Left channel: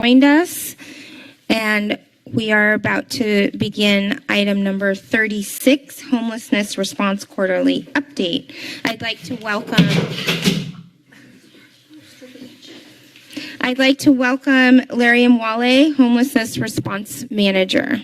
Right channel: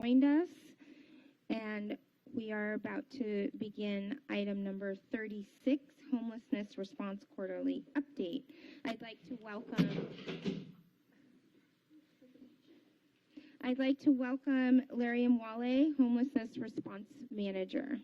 joined us, and we are about to begin item number 36, Homelessness Response Quarterly Update. I'd like to welcome Larry Mwale, Homelessness Response Manager.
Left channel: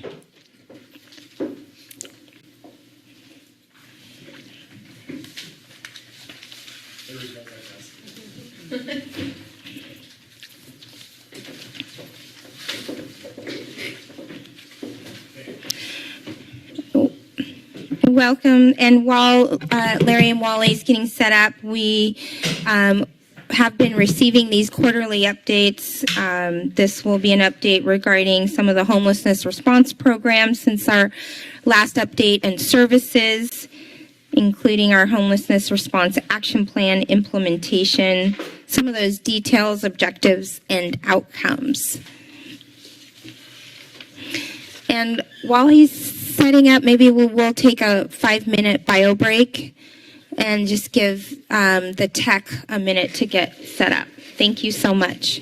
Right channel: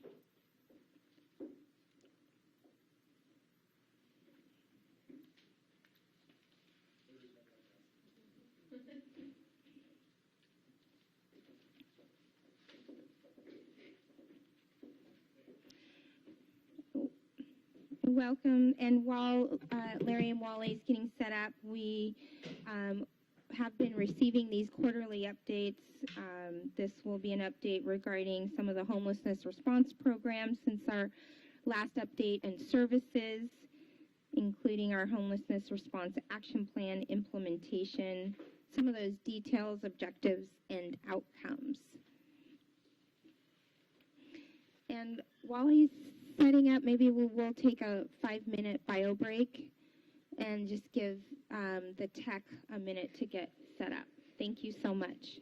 Welcome, and while Larry and Wally is getting set up, we have been receiving these quarterly updates. This will be an update regarding some of the homelessness response programs since our last update and services, including our Homelessness Response Action Plan implementation, some of those details, objectives, and outcomes. And while he's setting up, maybe we'll take a 5-minute bio break and just give the tech a minute to get set up. Thank you so much.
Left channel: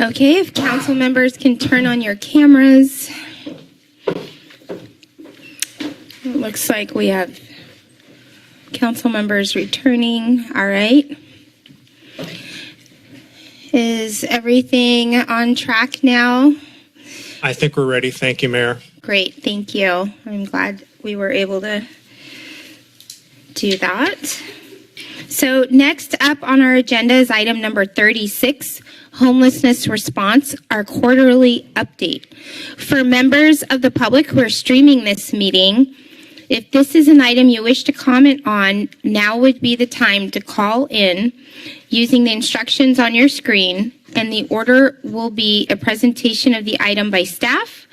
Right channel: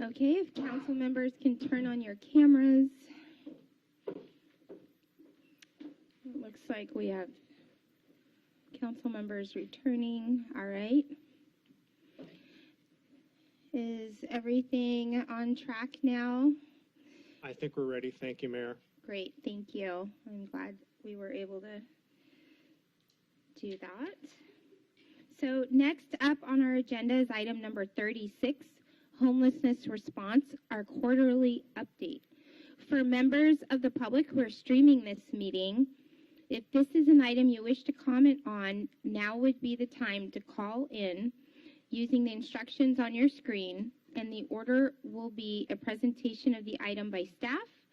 Okay, if council members can turn on your cameras. It looks like we have council members returning. All right. Is everything on track now? I think we're ready. Thank you, Mayor. Great, thank you. I'm glad we were able to do that. So next up on our agenda is item number 36, Homelessness Response, our quarterly update. For members of the public who are streaming this meeting, if this is an item you wish to comment on, now would be the time to call in using the instructions on your screen, and the order will be a presentation of the item by staff,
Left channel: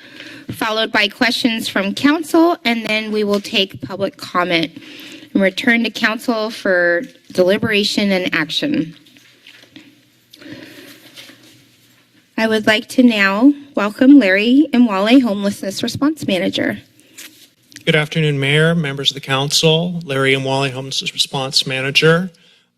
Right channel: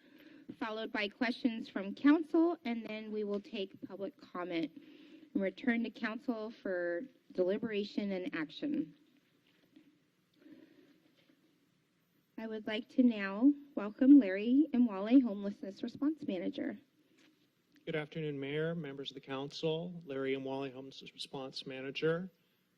followed by questions from council, and then we will take public comment and return to council for deliberation and action. I would like to now welcome Larry and Wale, Homelessness Response Manager. Good afternoon, Mayor, members of the council. Larry and Wally, Homelessness Response Manager.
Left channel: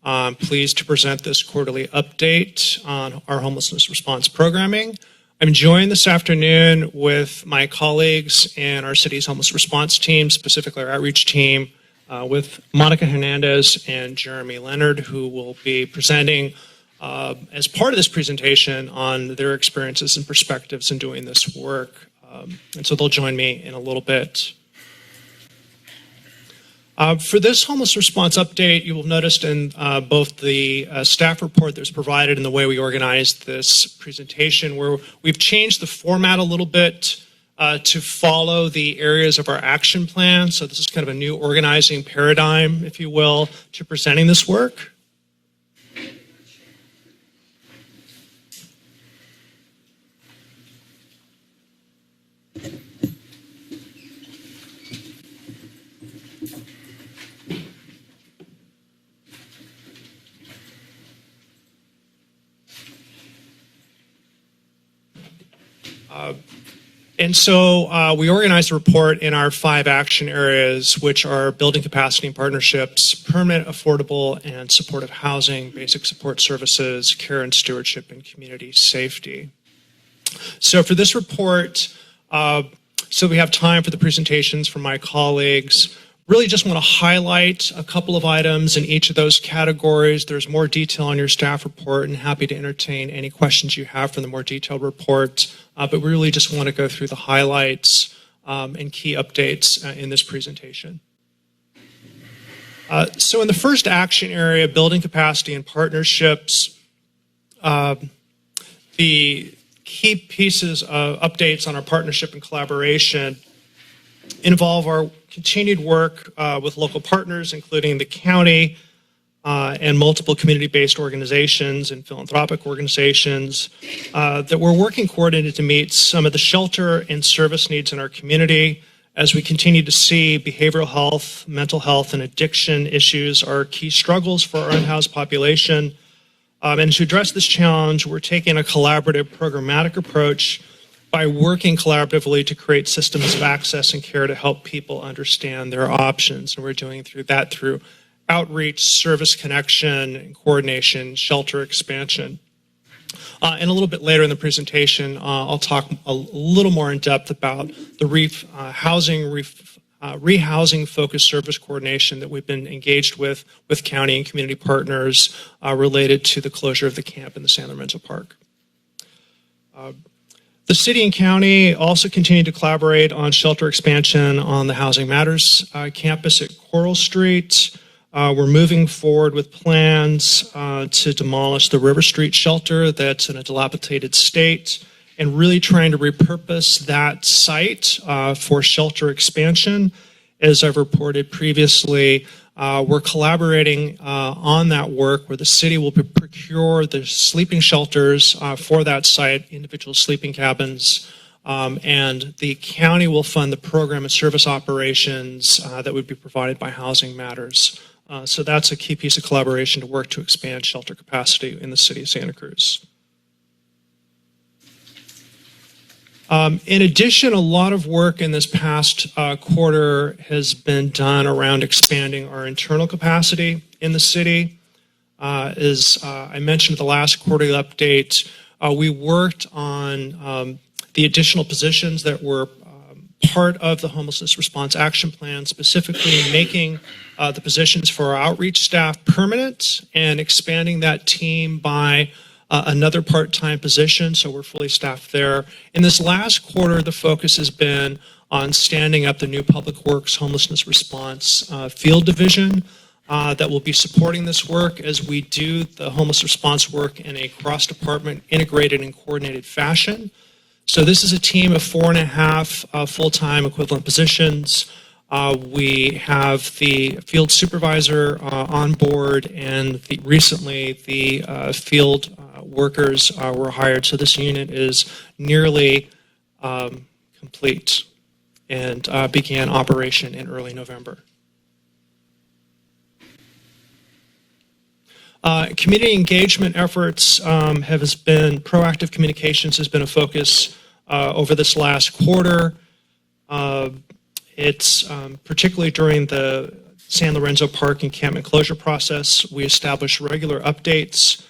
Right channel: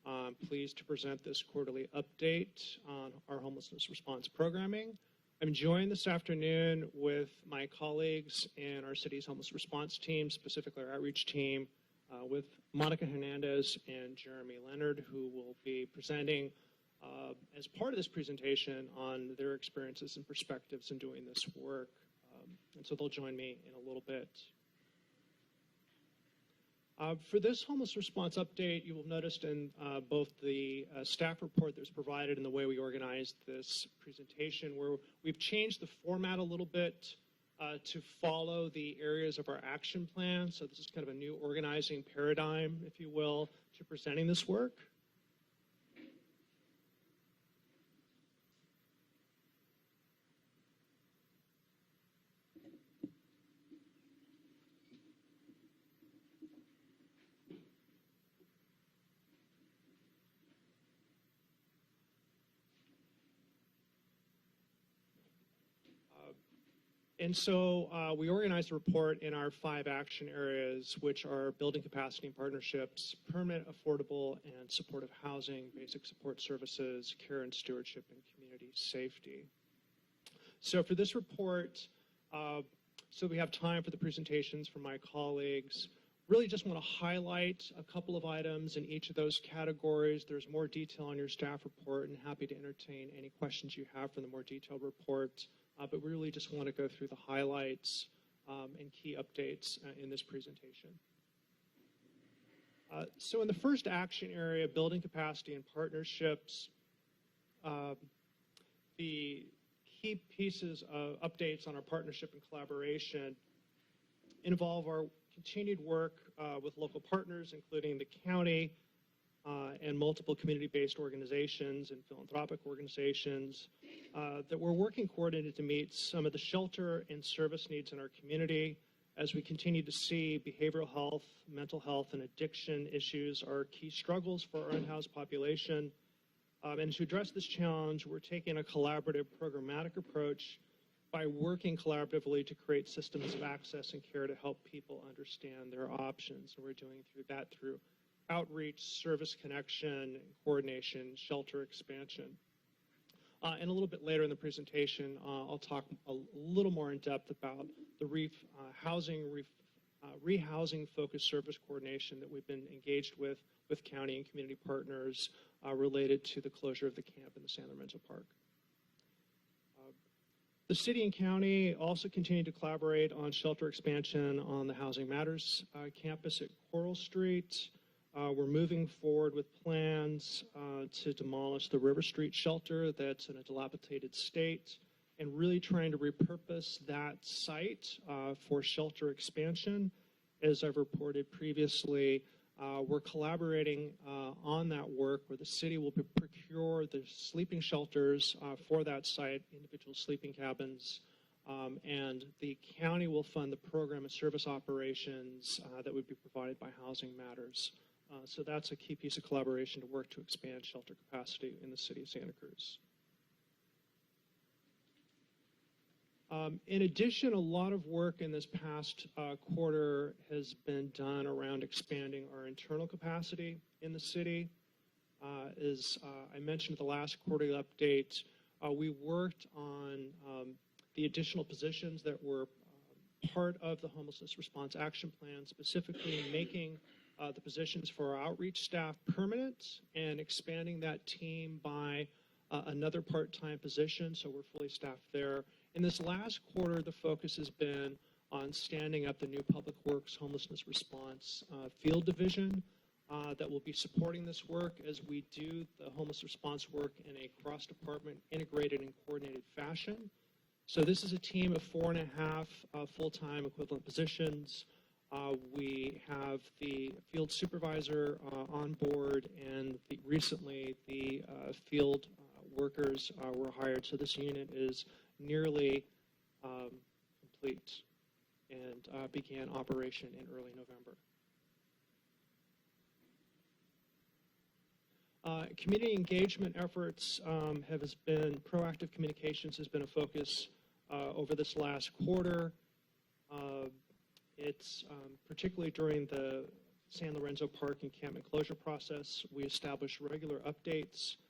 I'm pleased to present this quarterly update on our homelessness response programming. I'm joined this afternoon with my colleagues in our city's homeless response team, specifically our outreach team, with Monica Hernandez and Jeremy Leonard, who will be presenting as part of this presentation on their experiences and perspectives in doing this work. And so they'll join me in a little bit. For this homeless response update, you will notice in both the staff report that was provided and the way we organized this presentation, where we've changed the format a little bit to follow the areas of our action plan. So this is kind of a new organizing paradigm, if you will, to presenting this work. And so we organized the report in our 5 action areas, which are building capacity and partnerships, permanent, affordable, and supportive housing, basic support services, care and stewardship, and community safety. So for this report, so we have time for the presentations from my colleagues. Really just want to highlight a couple of items in each of those categories. There's more detail on your staff report, and happy to entertain any questions you have from the more detailed report. But we really just want to go through the highlights and key updates in this presentation. So in the first action area, building capacity and partnerships, the key pieces of updates on our partnership and collaboration involve our continued work with local partners, including the county and multiple community-based organizations and philanthropic organizations that we're working coordinated to meet some of the shelter and service needs in our community. As we continue to see behavioral health, mental health, and addiction issues are key struggles for our unhoused population. And to address this challenge, we're taking a collaborative, programmatic approach by working collaboratively to create systems of access and care to help people understand their options. And we're doing that through outreach, service connection, and coordination, shelter expansion. And a little bit later in the presentation, I'll talk a little more in depth about the rehousing focused service coordination that we've been engaged with county and community partners related to the closure of the camp in the San Lorenzo Park. The city and county also continue to collaborate on shelter expansion on the Housing Matters campus at Coral Street. We're moving forward with plans to demolish the River Street shelter that's in a dilapidated state and really trying to repurpose that site for shelter expansion. As I've reported previously, we're collaborating on that work where the city will procure the sleeping shelters for that site, individual sleeping cabins, and the county will fund the program and service operations that would be provided by Housing Matters. So that's a key piece of collaboration to work to expand shelter capacity in the city of Santa Cruz. In addition, a lot of work in this past quarter has been done around expanding our internal capacity in the city. As I mentioned at the last quarterly update, We worked on the additional positions that were part of the Homelessness Response Action Plan, specifically making the positions for our outreach staff permanent and expanding that team by another part-time position, so we're fully staffed there. In this last quarter, the focus has been on standing up the new Public Works Homelessness Response Field Division that will be supporting this work as we do the homeless response work in a cross-department, integrated and coordinated fashion. So this is a team of 4.5 full-time equivalent positions. We have the field supervisor on board, and recently the field workers were hired. So this unit is nearly complete and began operation in early November. Community engagement efforts have been, proactive communications has been a focus over this last quarter. It's particularly during the San Lorenzo Park encampment closure process, we established regular updates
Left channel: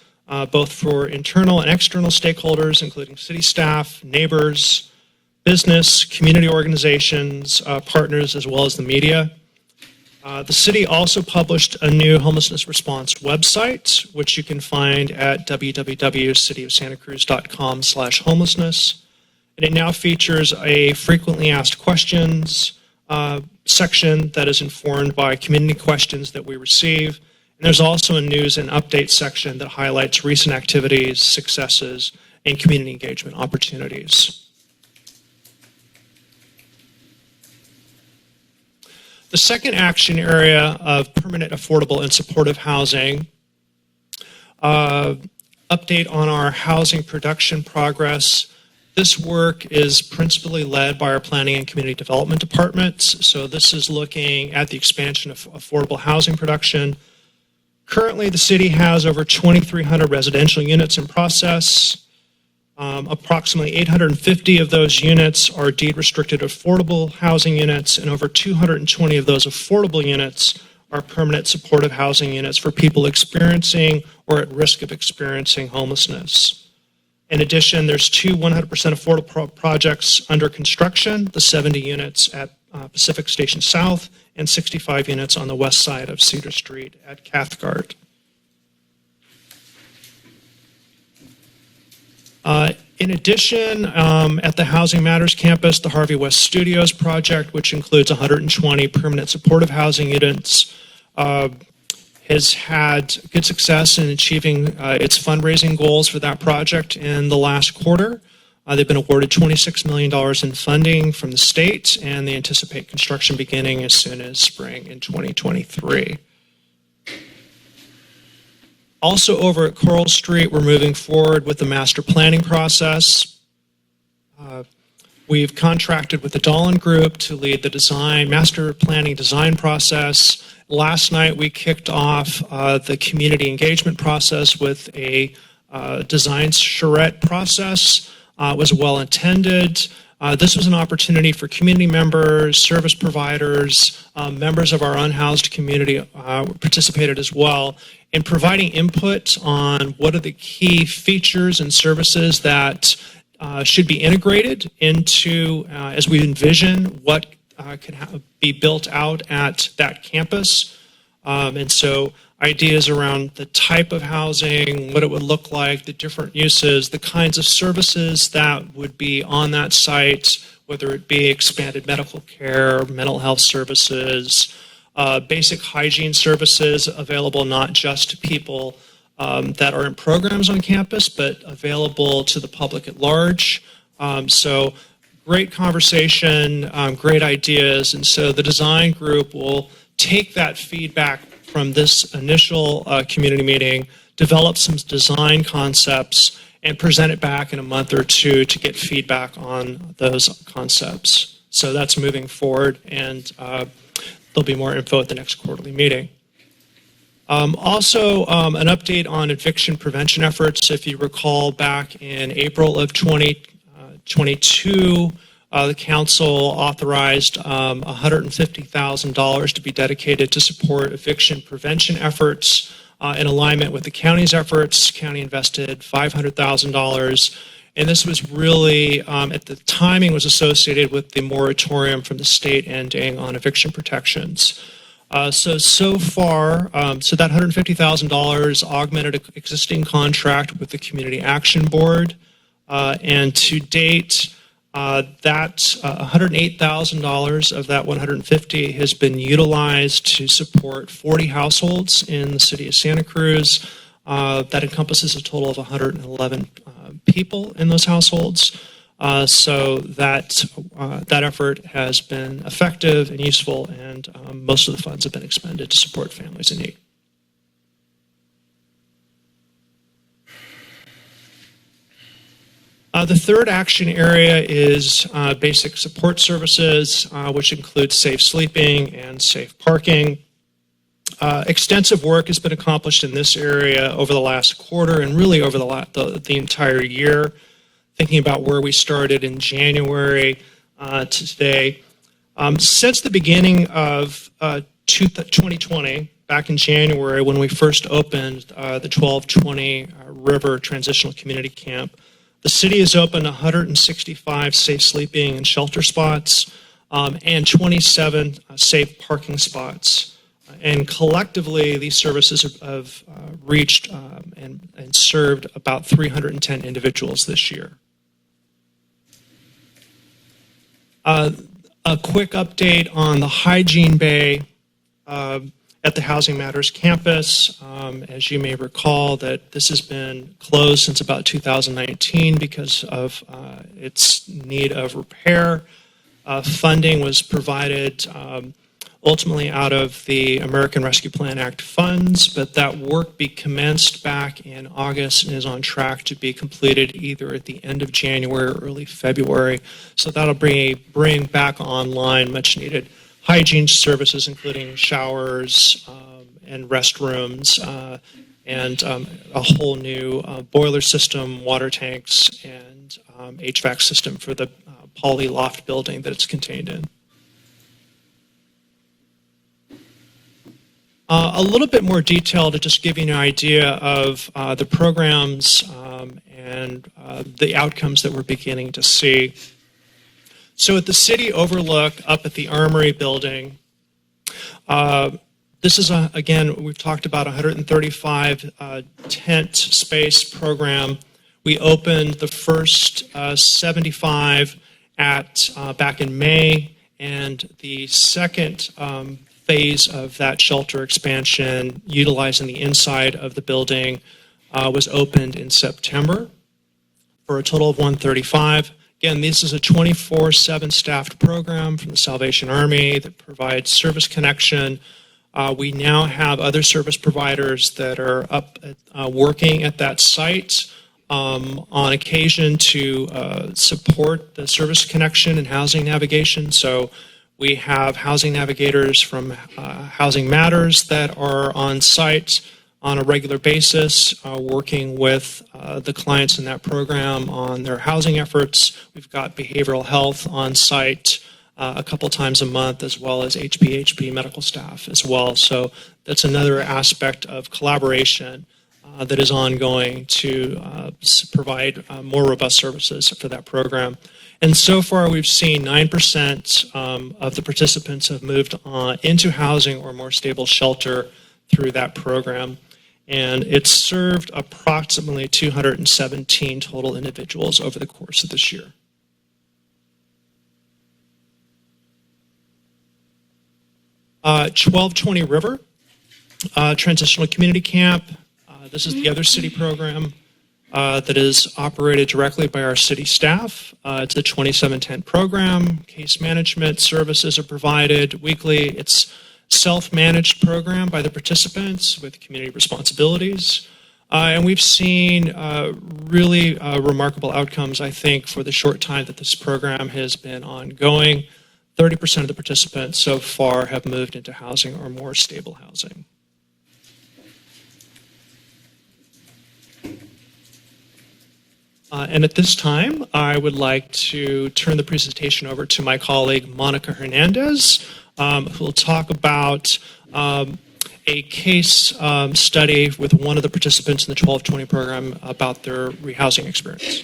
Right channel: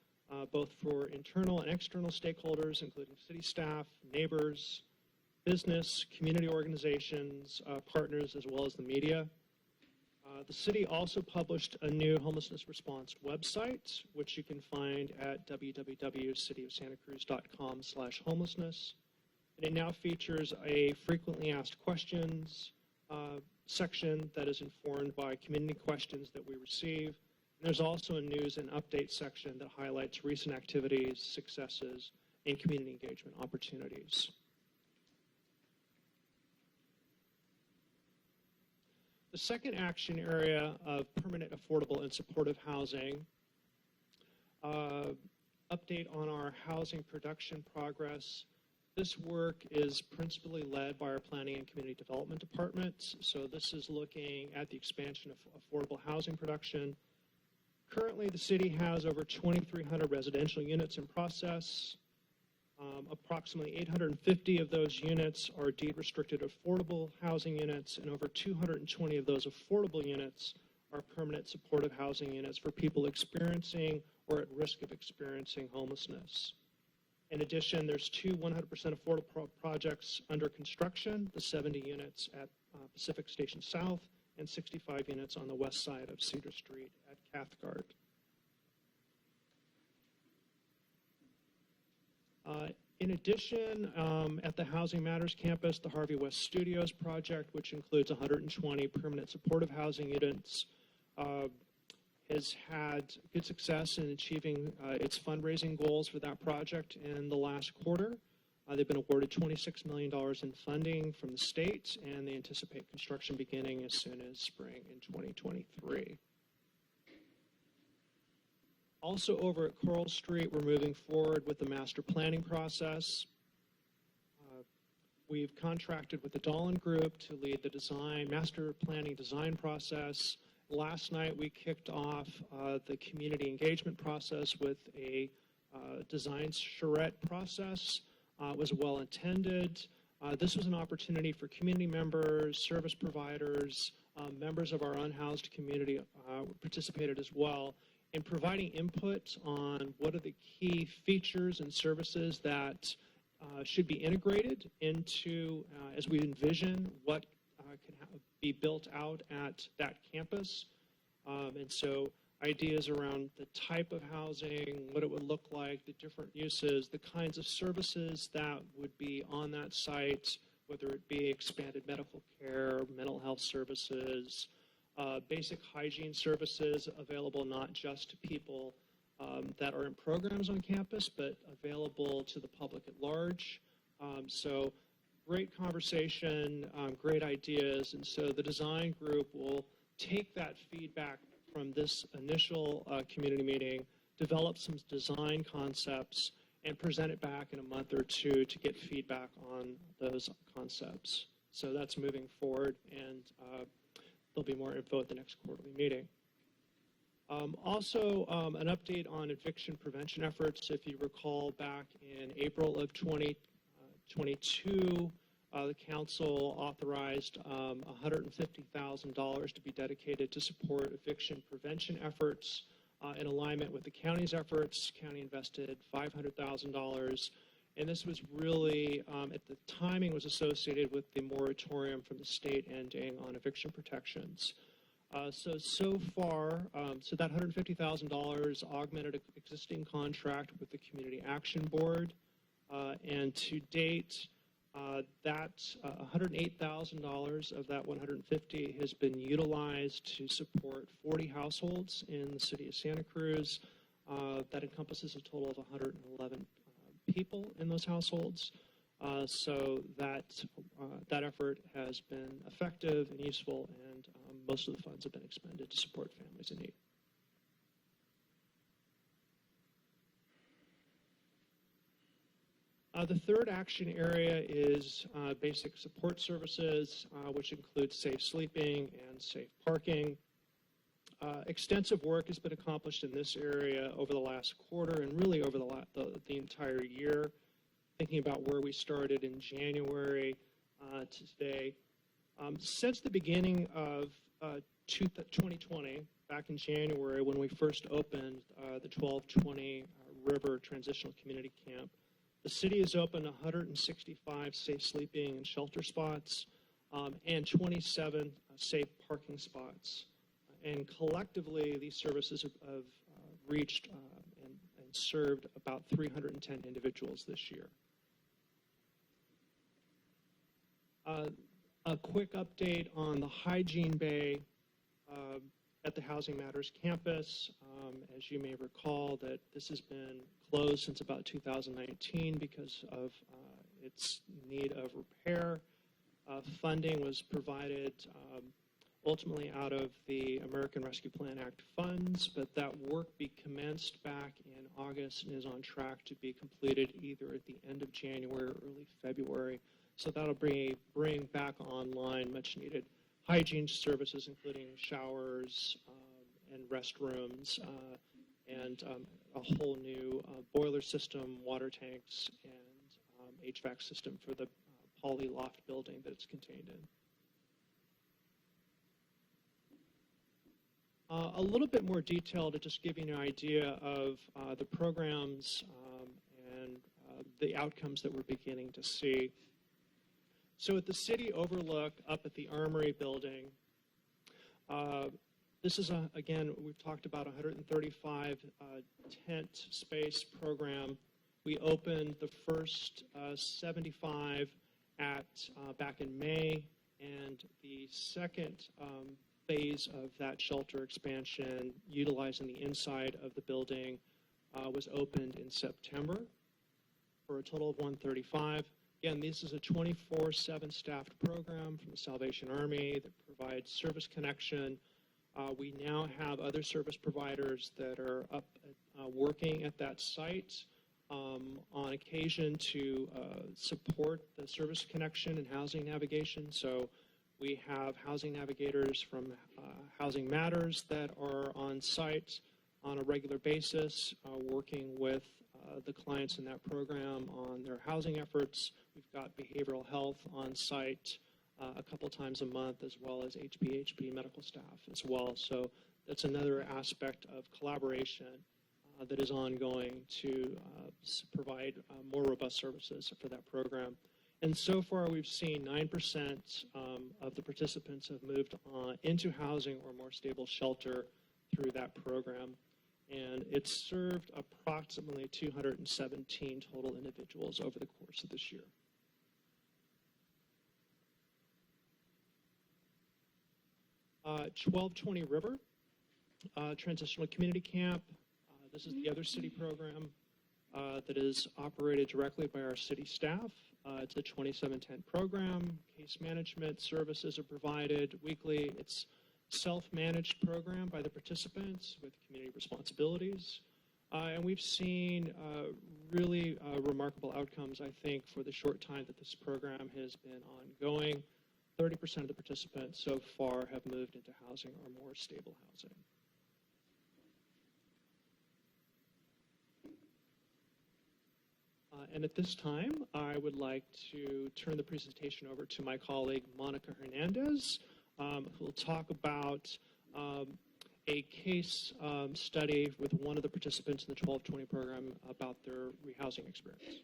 both for internal and external stakeholders, including city staff, neighbors, business, community organizations, partners, as well as the media. The city also published a new homelessness response website, which you can find at www.cityofsantacruz.com/homelessness. And it now features a frequently asked questions section that is informed by community questions that we receive. And there's also a news and update section that highlights recent activities, successes, and community engagement opportunities. The second action area of permanent, affordable, and supportive housing, update on our housing production progress. This work is principally led by our Planning and Community Development departments. So this is looking at the expansion of affordable housing production. Currently, the city has over 2,300 residential units in process. Approximately 850 of those units are deed-restricted affordable housing units, and over 220 of those affordable units are permanent supportive housing units for people experiencing or at risk of experiencing homelessness. In addition, there's two 100% affordable projects under construction, the 70 units at Pacific Station South and 65 units on the west side of Cedar Street at Cathcart. In addition, at the Housing Matters campus, the Harvey West Studios project, which includes 120 permanent supportive housing units, has had good success in achieving its fundraising goals for that project in the last quarter. They've been awarded $26 million in funding from the state, and they anticipate construction beginning as soon as spring in 2023. Also over at Coral Street, we're moving forward with the master planning process. We've contracted with the Dahlin Group to lead the master planning design process. Last night, we kicked off the community engagement process with a design charrette process. It was well intended. This was an opportunity for community members, service providers, members of our unhoused community participated as well in providing input on what are the key features and services that should be integrated into, as we envision what could be built out at that campus. And so ideas around the type of housing, what it would look like, the different uses, the kinds of services that would be on that site, whether it be expanded medical care, mental health services, basic hygiene services available not just to people that are in programs on campus, but available to the public at large. So great conversation, great ideas. And so the design group will take that feedback from this initial community meeting, develop some design concepts, and present it back in a month or two to get feedback on those concepts. So that's moving forward, and there'll be more info at the next quarterly meeting. Also, an update on eviction prevention efforts. If you recall, back in April of 2022, the council authorized $150,000 to be dedicated to support eviction prevention efforts in alignment with the county's efforts. County invested $500,000. And this was really, at the timing, was associated with the moratorium from the state ending on eviction protections. So far, so that $150,000 augmented an existing contract with the Community Action Board. And to date, that $108,000 of that $150,000 has been utilized to support 40 households in the City of Santa Cruz. That encompasses a total of 111 people in those households. So that effort has been effective and useful, and most of the funds have been expended to support families in need. The third action area is basic support services, which includes safe sleeping and safe parking. Extensive work has been accomplished in this area over the last quarter and really over the entire year. Thinking about where we started in January to today. Since the beginning of 2020, back in January when we first opened the 1220 River Transitional Community Camp, the city has opened 165 safe sleeping and shelter spots and 27 safe parking spots. And collectively, these services have reached and served about 310 individuals this year. A quick update on the hygiene bay at the Housing Matters campus. As you may recall, that this has been closed since about 2019 because of its need of repair. Funding was provided ultimately out of the American Rescue Plan Act funds, but that work commenced back in August and is on track to be completed either at the end of January or early February. So that'll bring back online much needed hygiene services, including showers and restrooms and a whole new boiler system, water tanks, and HVAC system for the poly loft building that it's contained in. A little bit more detail to just give you an idea of the programs and the outcomes that we're beginning to see. So at the City Overlook up at the Armory building, this is, again, we've talked about 135 tent space program. We opened the first 75 back in May, and the second phase of that shelter expansion, utilizing the inside of the building, was opened in September for a total of 135. Again, this is a 24/7 staffed program from the Salvation Army that provides service connection. We now have other service providers that are working at that site on occasion to support the service connection and housing navigation. So we have housing navigators from Housing Matters that are on site on a regular basis, working with the clients in that program on their housing efforts. We've got behavioral health on site a couple times a month, as well as HPHP medical staff as well. So that's another aspect of collaboration that is ongoing to provide more robust services for that program. And so far, we've seen 9% of the participants have moved into housing or more stable shelter through that program. And it's served approximately 217 total individuals over the course of this year. Uh, 1220 River, Transitional Community Camp. This is the other city program that is operated directly by our city staff. It's a 27-tent program. Case management services are provided weekly. It's self-managed program by the participants with community responsibilities. And we've seen really remarkable outcomes, I think, for the short time that this program has been ongoing. 30% of the participants so far have moved into housing or more stable housing. And at this time, I would like to turn the presentation over to my colleague, Monica Hernandez, who will talk about a case study with one of the participants in the 1220 program about their rehousing experience.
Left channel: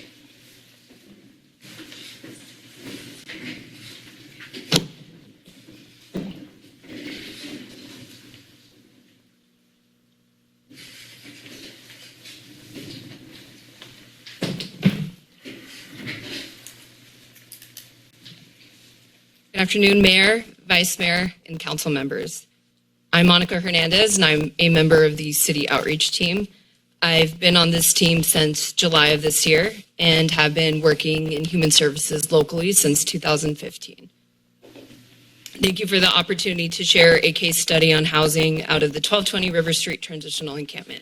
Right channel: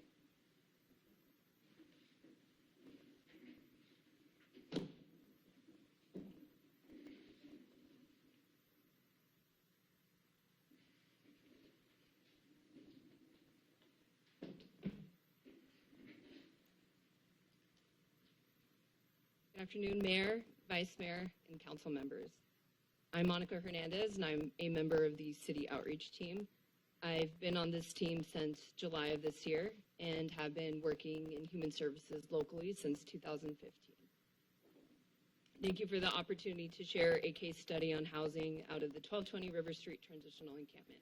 Good afternoon, Mayor, Vice Mayor, and Council members. I'm Monica Hernandez, and I'm a member of the City Outreach Team. I've been on this team since July of this year and have been working in human services locally since 2015. Thank you for the opportunity to share a case study on housing out of the 1220 River Street Transitional Encampment.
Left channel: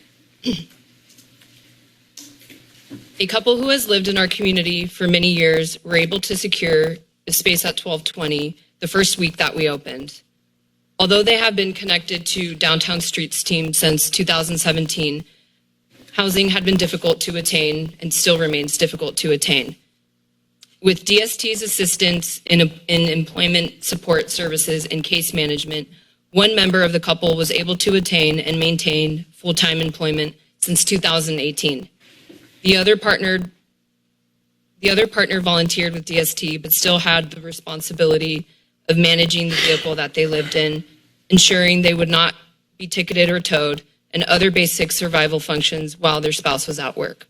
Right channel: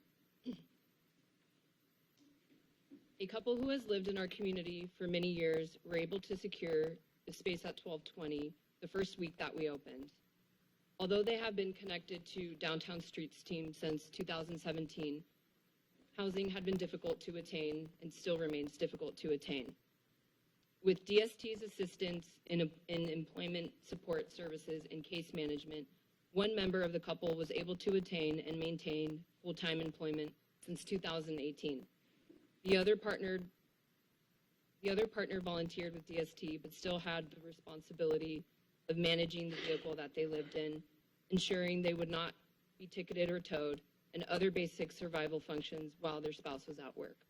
A couple who has lived in our community for many years were able to secure a space at 1220 the first week that we opened. Although they have been connected to Downtown Streets team since 2017, housing had been difficult to attain and still remains difficult to attain. With DST's assistance in employment support services and case management, one member of the couple was able to attain and maintain full-time employment since 2018. The other partner volunteered with DST, but still had the responsibility of managing the vehicle that they lived in, ensuring they would not be ticketed or towed, and other basic survival functions while their spouse was at work.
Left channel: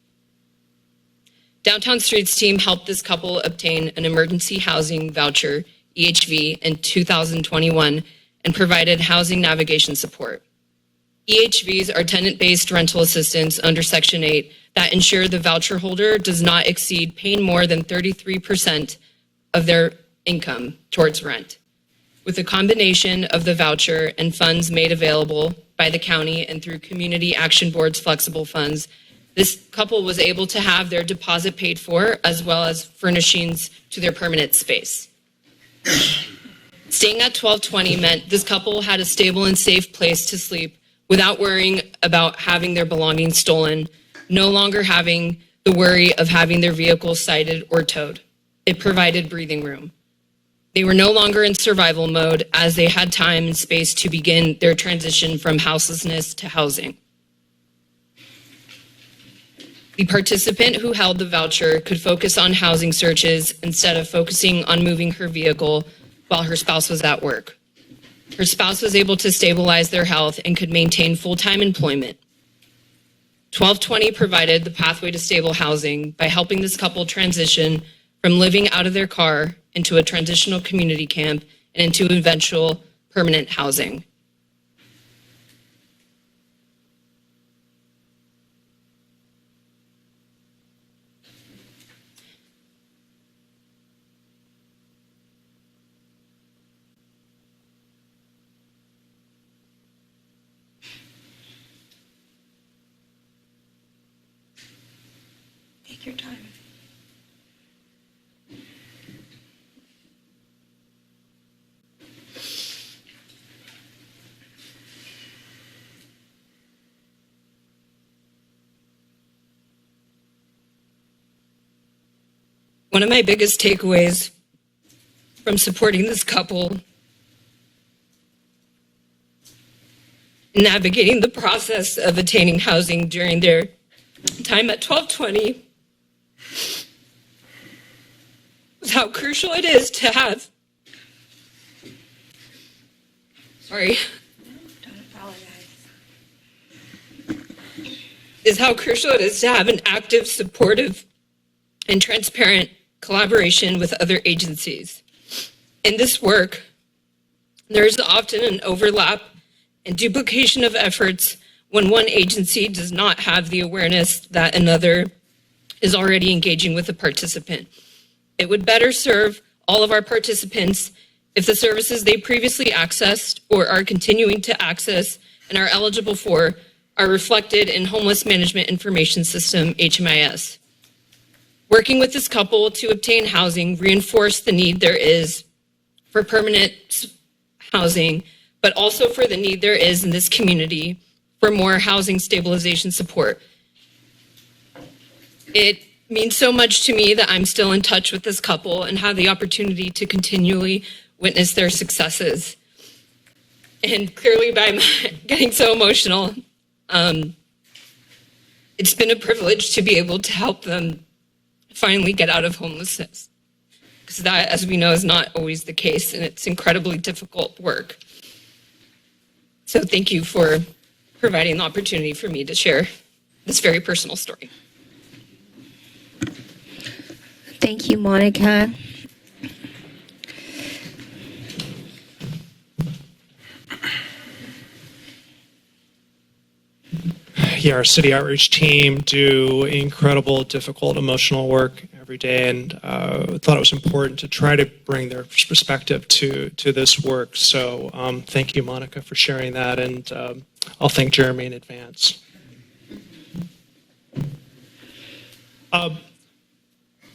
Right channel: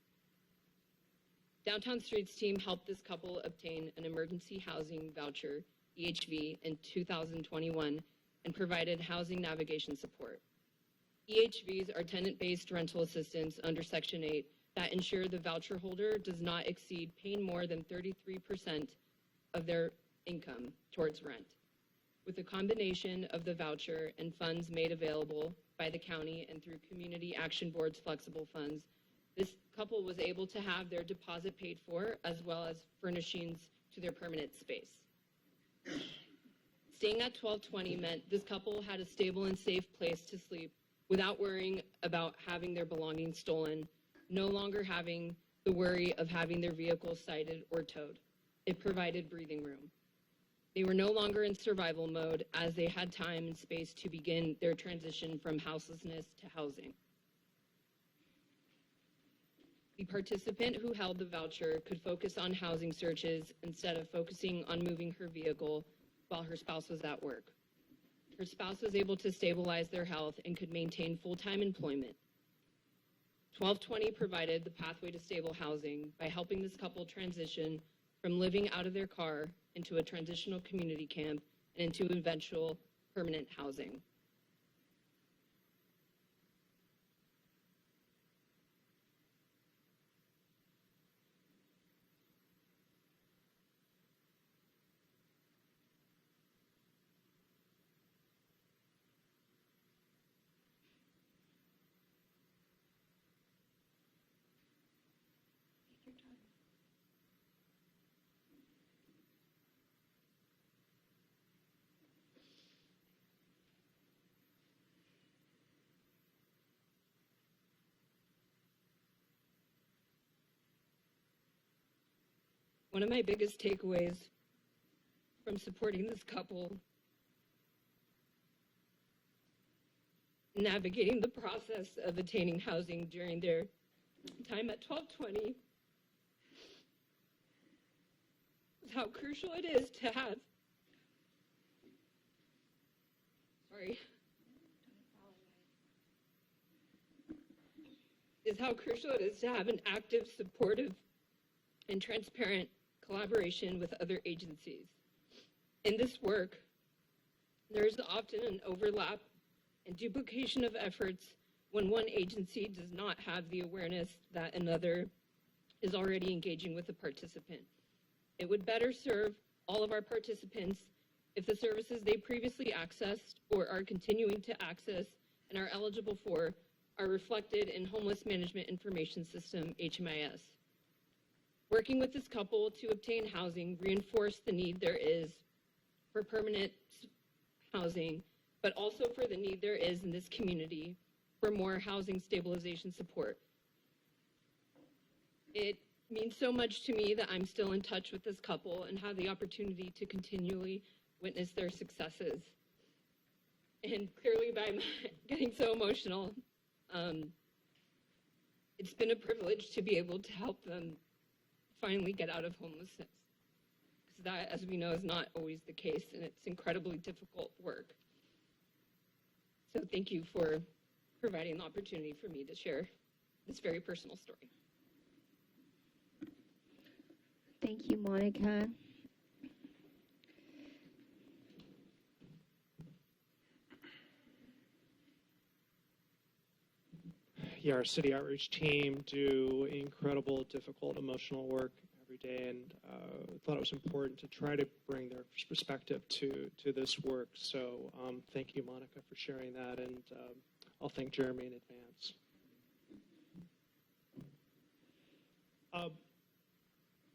Downtown Streets team helped this couple obtain an emergency housing voucher, EHV, in 2021 and provided housing navigation support. EHVs are tenant-based rental assistance under Section 8 that ensure the voucher holder does not exceed paying more than 33% of their income towards rent. With a combination of the voucher and funds made available by the county and through Community Action Board's flexible funds, this couple was able to have their deposit paid for as well as furnishings to their permanent space. Staying at 1220 meant this couple had a stable and safe place to sleep without worrying about having their belongings stolen, no longer having the worry of having their vehicle cited or towed. It provided breathing room. They were no longer in survival mode as they had time and space to begin their transition from houselessness to housing. The participant who held the voucher could focus on housing searches instead of focusing on moving her vehicle while her spouse was at work. Her spouse was able to stabilize their health and could maintain full-time employment. 1220 provided the pathway to stable housing by helping this couple transition from living out of their car into a transitional community camp and into eventual permanent housing. Take your time. One of my biggest takeaways from supporting this couple, navigating the process of attaining housing during their time at 1220, was how crucial it is to have, Don't apologize. is how crucial it is to have an active, supportive, and transparent collaboration with other agencies. In this work, there is often an overlap and duplication of efforts when one agency does not have the awareness that another is already engaging with a participant. It would better serve all of our participants if the services they previously accessed or are continuing to access and are eligible for are reflected in Homeless Management Information System, HMIS. Working with this couple to obtain housing reinforced the need there is for permanent housing, but also for the need there is in this community for more housing stabilization support. It means so much to me that I'm still in touch with this couple and have the opportunity to continually witness their successes. And clearly by my getting so emotional, it's been a privilege to be able to help them finally get out of homelessness. Because that, as we know, is not always the case, and it's incredibly difficult work. So thank you for providing the opportunity for me to share this very personal story. Thank you, Monica. Yeah, our city outreach team do incredible, difficult, emotional work every day, and thought it was important to try to bring their perspective to this work. So thank you, Monica, for sharing that, and I'll thank Jeremy in advance.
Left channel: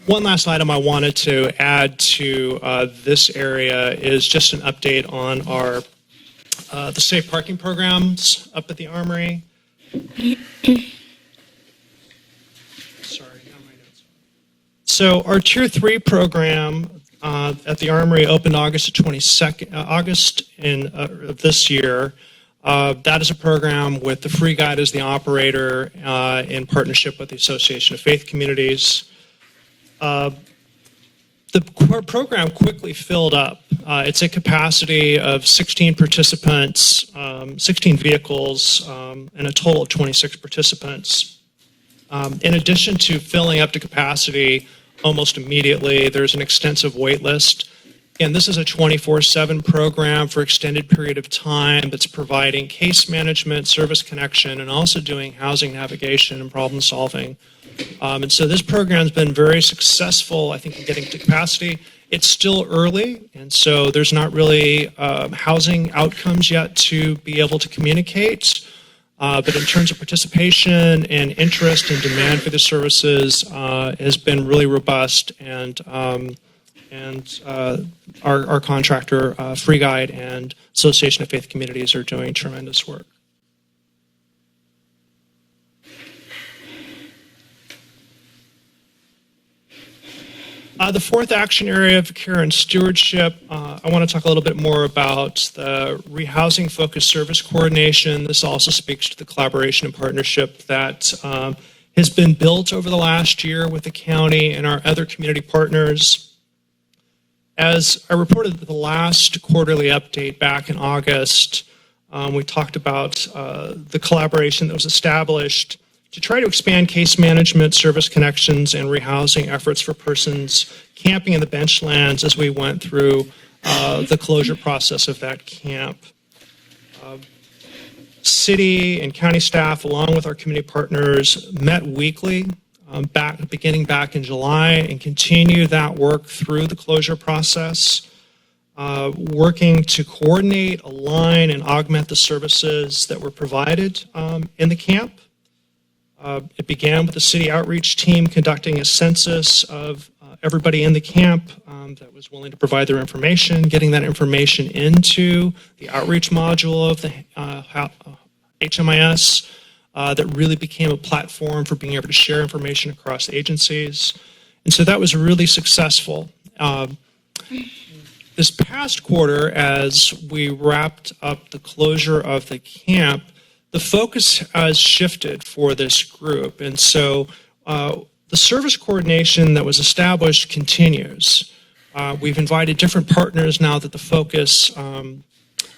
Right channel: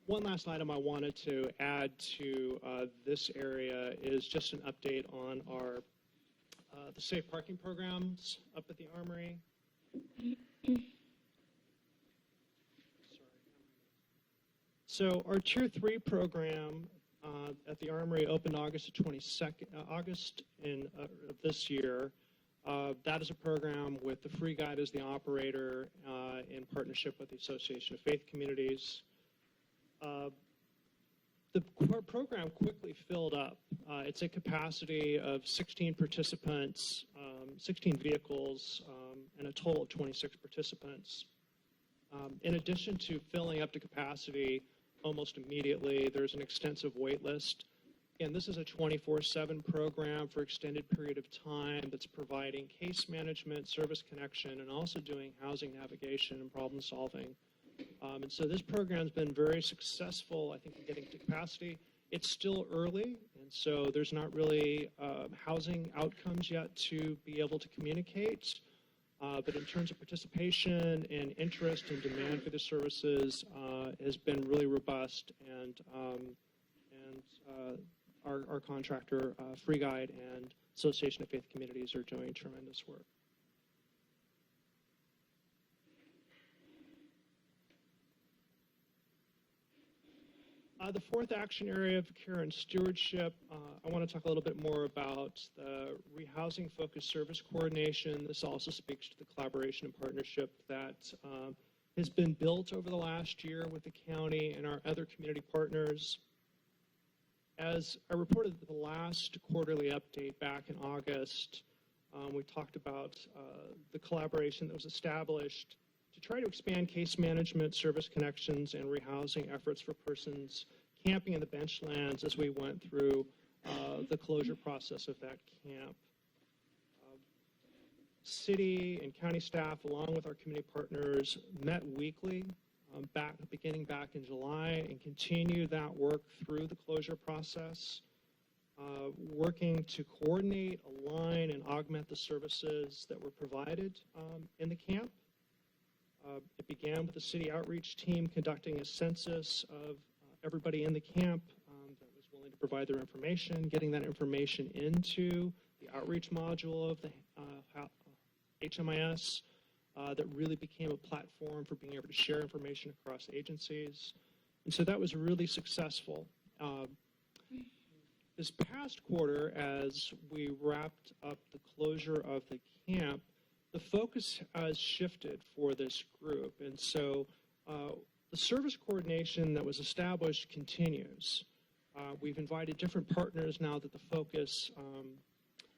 One last item I wanted to add to this area is just an update on our the safe parking programs up at the Armory. Sorry, not my notes. So our Tier 3 program at the Armory opened August 22nd, of this year. That is a program with the Free Guide as the operator in partnership with the Association of Faith Communities. The program quickly filled up. It's a capacity of 16 participants, 16 vehicles, and a total of 26 participants. In addition to filling up to capacity almost immediately, there's an extensive wait list. And this is a 24/7 program for extended period of time that's providing case management, service connection, and also doing housing navigation and problem solving. And so this program's been very successful, I think, in getting to capacity. It's still early, and so there's not really housing outcomes yet to be able to communicate. But in terms of participation and interest and demand for the services has been really robust, and our contractor, Free Guide, and Association of Faith Communities are doing tremendous work. The fourth action area of care and stewardship, I want to talk a little bit more about the rehousing focused service coordination. This also speaks to the collaboration and partnership that has been built over the last year with the county and our other community partners. As I reported at the last quarterly update back in August, we talked about the collaboration that was established to try to expand case management, service connections, and rehousing efforts for persons camping in the benchlands as we went through the closure process of that camp. City and county staff, along with our community partners, met weekly beginning back in July and continue that work through the closure process, working to coordinate, align, and augment the services that were provided in the camp. It began with the city outreach team conducting a census of everybody in the camp that was willing to provide their information, getting that information into the outreach module of the HMIS that really became a platform for being able to share information across agencies. And so that was really successful. This past quarter, as we wrapped up the closure of the camp, the focus has shifted for this group, and so the service coordination that was established continues. We've invited different partners now that the focus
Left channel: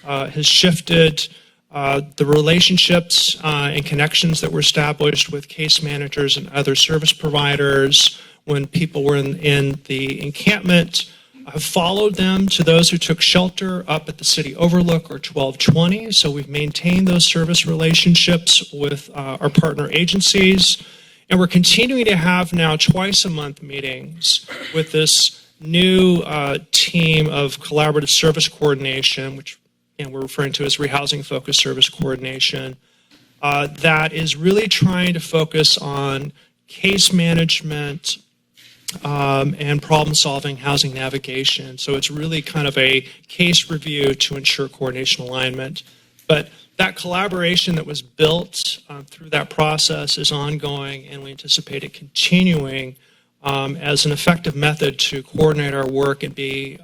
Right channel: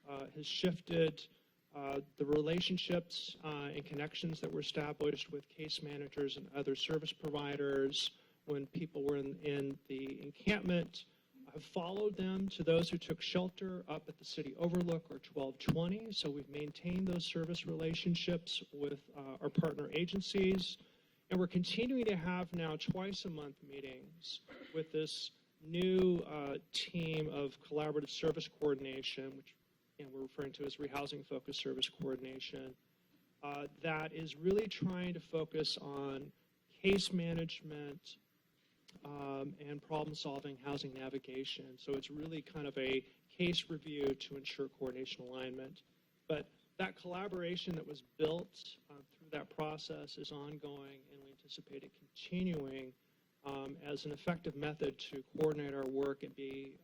has shifted. The relationships and connections that were established with case managers and other service providers when people were in the encampment have followed them to those who took shelter up at the city overlook or 1220. So we've maintained those service relationships with our partner agencies. And we're continuing to have now twice a month meetings with this new team of collaborative service coordination, which we're referring to as rehousing focused service coordination, that is really trying to focus on case management, and problem-solving, housing navigation. So it's really kind of a case review to ensure coordination alignment. But that collaboration that was built through that process is ongoing, and we anticipate it continuing as an effective method to coordinate our work and be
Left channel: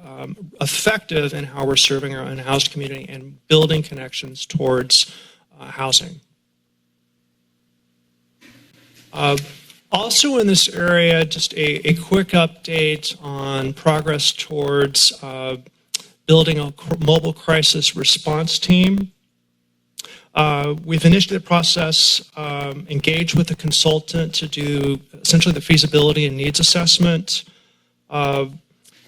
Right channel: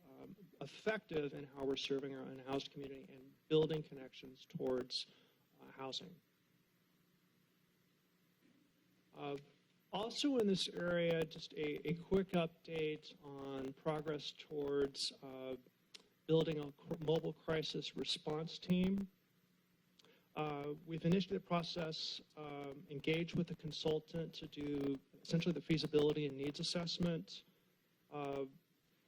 effective in how we're serving our unhoused community and building connections towards housing. Also in this area, just a quick update on progress towards building a mobile crisis response team. We've initiated the process, engaged with a consultant to do essentially the feasibility and needs assessment.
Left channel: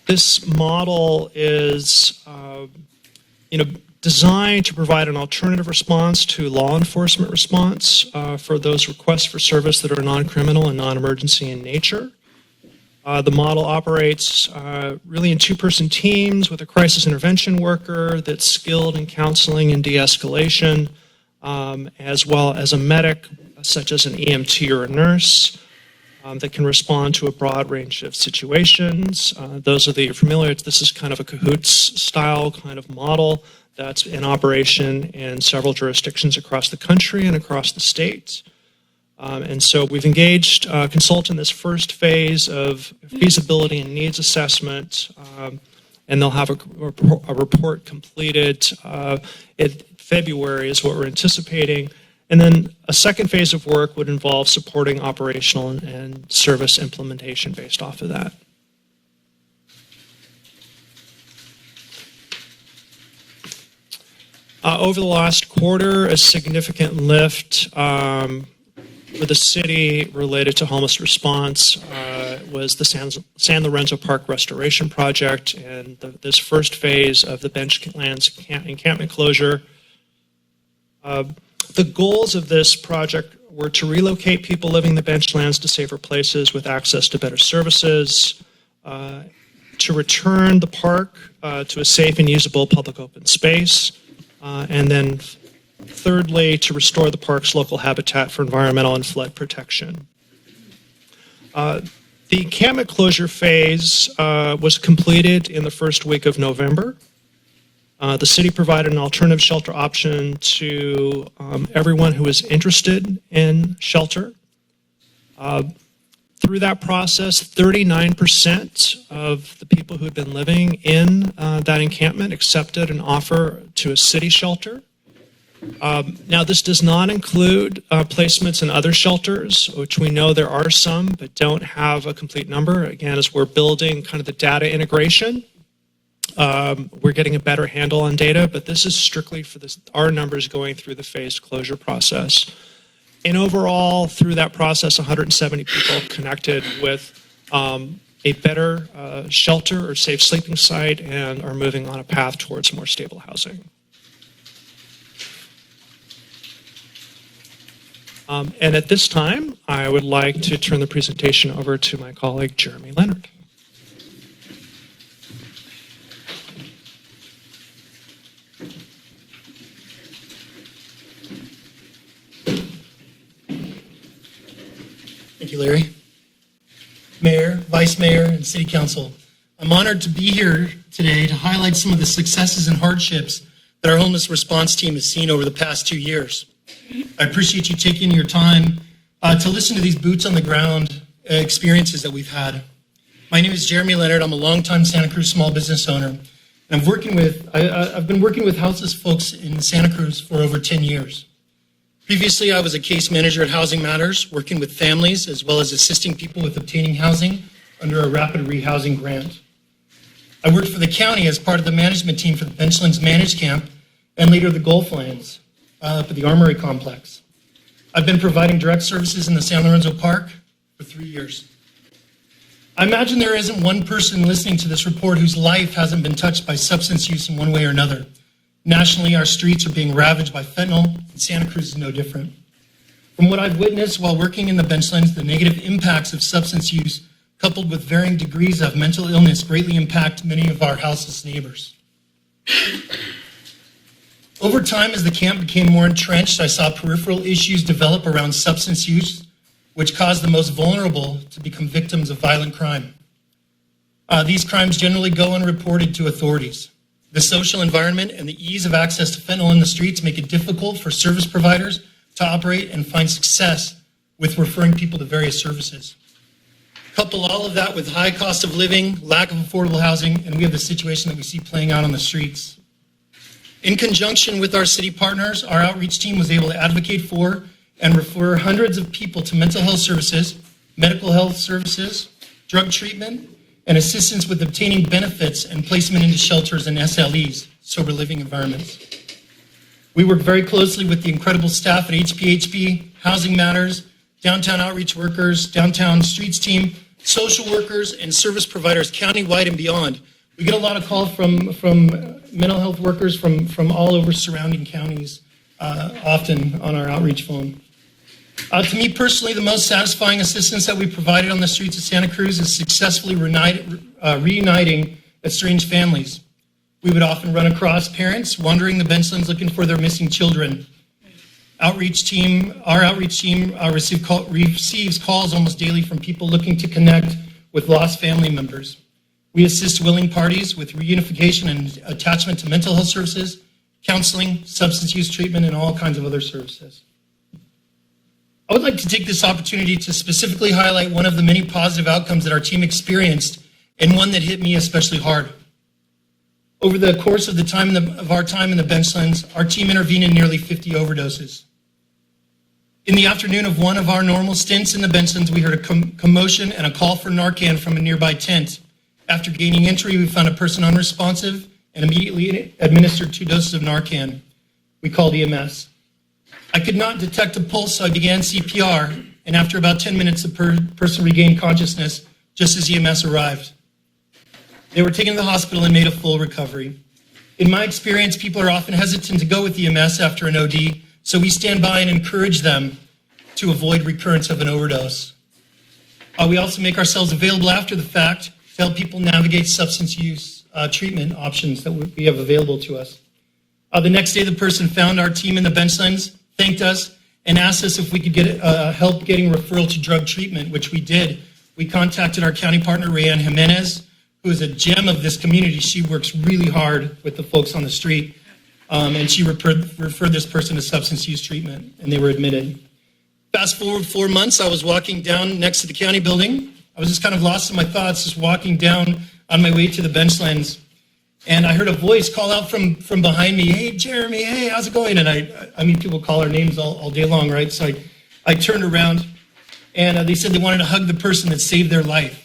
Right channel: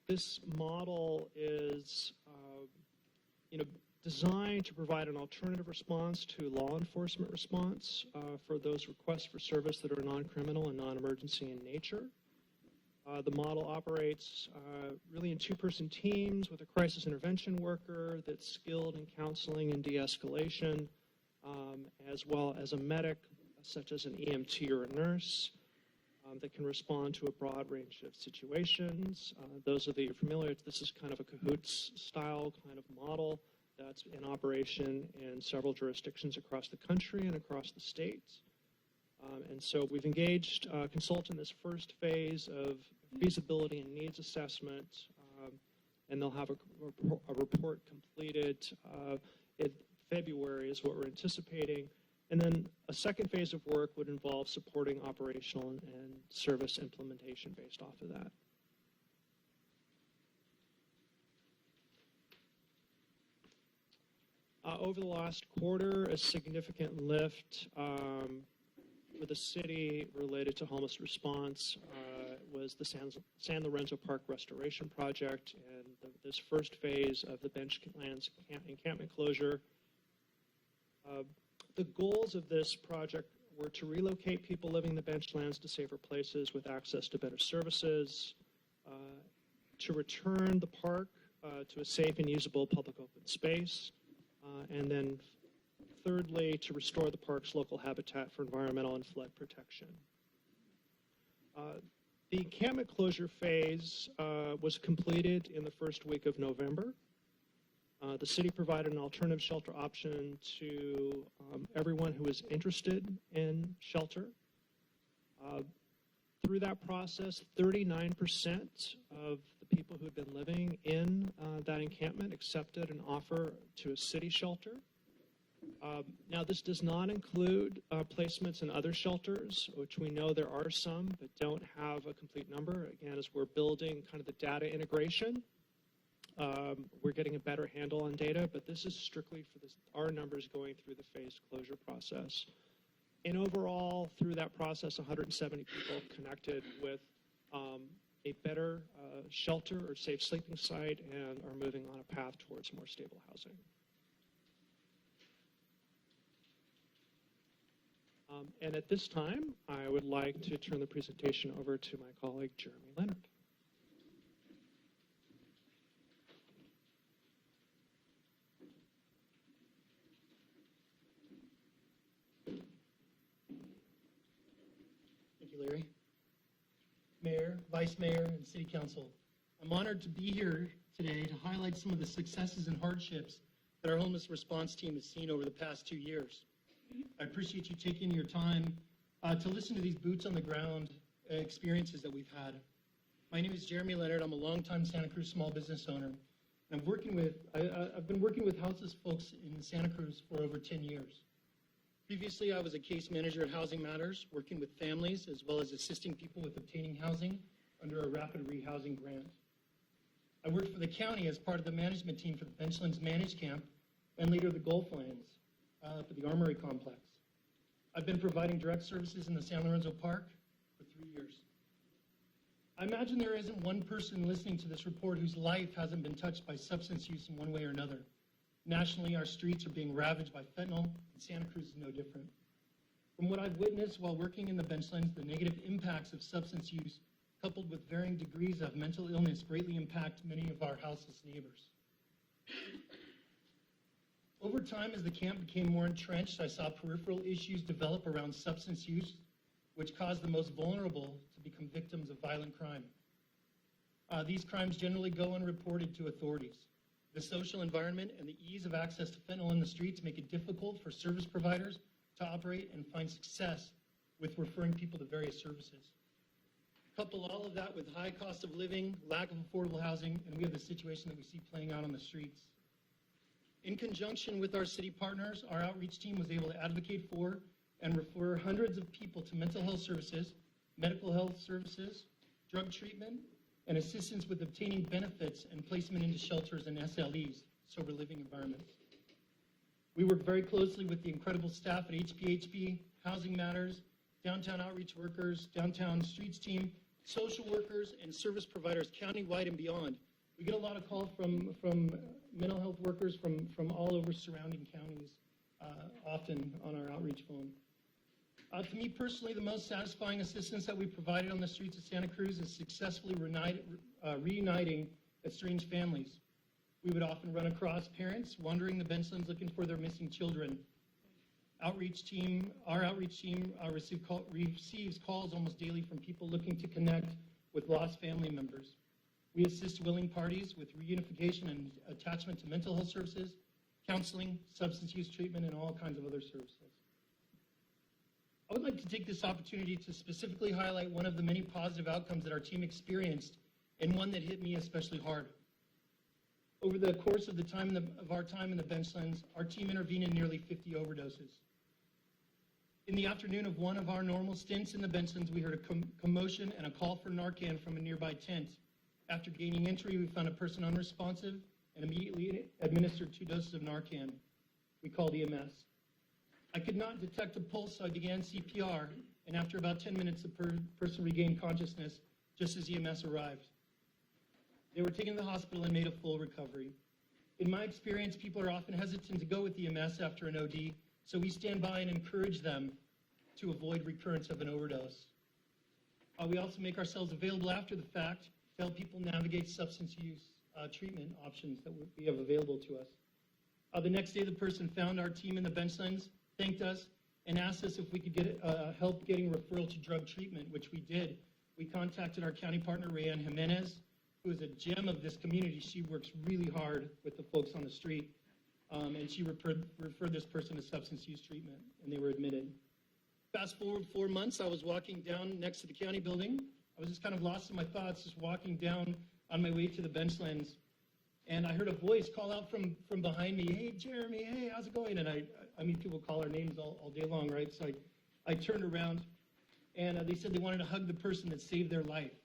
This model is designed to provide an alternative response to law enforcement response for those requests for service that are non-criminal and non-emergency in nature. The model operates really in two-person teams with a crisis intervention worker that's skilled in counseling and de-escalation, as well as a medic, such as an EMT or a nurse, that can respond to a broad range of situations. Those of you familiar, this is kind of a CAHOOTS style kind of model that's in operation in several jurisdictions across the country and across the state. And so we've engaged a consultant in this first phase of feasibility and needs assessment, and they'll have a report completed in February is what we're anticipating. And then a second phase of work would involve supporting operational and service implementation based off of that. Over the last quarter, a significant lift for the city related to homeless response was the San Lorenzo Park Restoration Project and this first phase of the Benchlands encampment closure. The goals of this project were to relocate people living in the benchlands to safer places with access to better services, to return the park to a safe and usable public open space, and then thirdly, to restore the park's local habitat for environmental and flood protection. The encampment closure phase was completed in the first week of November. The city provided an alternative shelter option to everyone who was interested in shelter. Through that process, 39% of the people who had been living in that encampment accepted an offer to a city shelter. Now, this does not include placements in other shelters, which we know there are some, but don't have a complete number. Again, as we're building kind of the data integration, we're getting a better handle on data, but this is strictly for our numbers going through the phased closure process. And overall, through that process, 170 people connected with a better shelter or safe sleeping site and are moving on a path towards more stable housing. And at this time, I would like to turn the presentation over to my colleague, Jeremy Leonard. Thank you, Larry. Mayor, Vice Mayor, and City Council, I'm honored to be here today to highlight some of the successes and hardships that our homeless response team has seen over the past 2 years. I appreciate you taking your time to listen to these boots on the ground experiences that we've had. My name is Jeremy Leonard. I'm a longtime Santa Cruz small business owner. And I've been working with houseless folks in Santa Cruz for over 10 years. Previously, I was a case manager at Housing Matters, working with families as well as assisting people with obtaining housing under a rapid rehousing grant. I worked for the county as part of the management team for the Benchlands Managed Camp and later the Gulflands up at the Armory Complex. I've been providing direct services in the San Lorenzo Park for 3 years. I imagine there isn't one person listening to this report whose life hasn't been touched by substance use in one way or another. Nationally, our streets are being ravaged by fentanyl, and Santa Cruz is no different. From what I've witnessed while working in the Benchlands, the negative impacts of substance use, coupled with varying degrees of mental illness, greatly impact many of our houseless neighbors. Over time, as the camp became more entrenched, I saw peripheral issues develop around substance use, which caused the most vulnerable to become victims of violent crime. These crimes generally go unreported to authorities. The social environment and the ease of access to fentanyl in the streets make it difficult for service providers to operate and find success with referring people to various services. Couple all of that with high cost of living, lack of affordable housing, and we have the situation that we see playing out on the streets. In conjunction with our city partners, our outreach team was able to advocate for and refer hundreds of people to mental health services, medical health services, drug treatment, and assistance with obtaining benefits and placement into shelters and SLEs, sober living environments. We work very closely with the incredible staff at HPHP, Housing Matters, downtown outreach workers, downtown streets team, social workers, and service providers countywide and beyond. We get a lot of calls from mental health workers from all over surrounding counties, often on our outreach phone. To me personally, the most satisfying assistance that we provided on the streets of Santa Cruz is successfully reuniting estranged families. We would often run across parents wandering the benchlands looking for their missing children. Our outreach team receives calls almost daily from people looking to connect with lost family members. We assist willing parties with reunification and attachment to mental health services, counseling, substance use treatment, and all kinds of other services. I would like to take this opportunity to specifically highlight one of the many positive outcomes that our team experienced, and one that hit me especially hard. Over the course of our time in the benchlands, our team intervened in nearly 50 overdoses. In the afternoon of one of our normal stints in the benchlands, we heard a commotion and a call for Narcan from a nearby tent. After gaining entry, we found a person unresponsive and immediately administered 2 doses of Narcan. We called EMS. I could not detect a pulse, so I began CPR, and after about 10 minutes, the person regained consciousness just as EMS arrived. They were taken to the hospital and made a full recovery. In my experience, people are often hesitant to go with EMS after an OD, so we stand by and encourage them to avoid recurrence of an overdose. We also make ourselves available after the fact to help people navigate substance use treatment options that we have available to us. The next day, the person found our team in the benchlands, thanked us, and asked us if we could get help getting referral to drug treatment, which we did. We contacted our county partner, Rayanne Jimenez, who is a gem of this community. She works really hard with the folks on the street, and she referred this person to substance use treatment, and they were admitted. Fast forward 4 months, I was walking down next to the county building. I was just kind of lost in my thoughts, just walking down on my way to the benchlands, and I heard a voice call out from behind me, "Hey, Jeremy, hey, how's it going?" And I mean, people call our names all day long, right? So I turned around, and they said they wanted to hug the person that saved their life.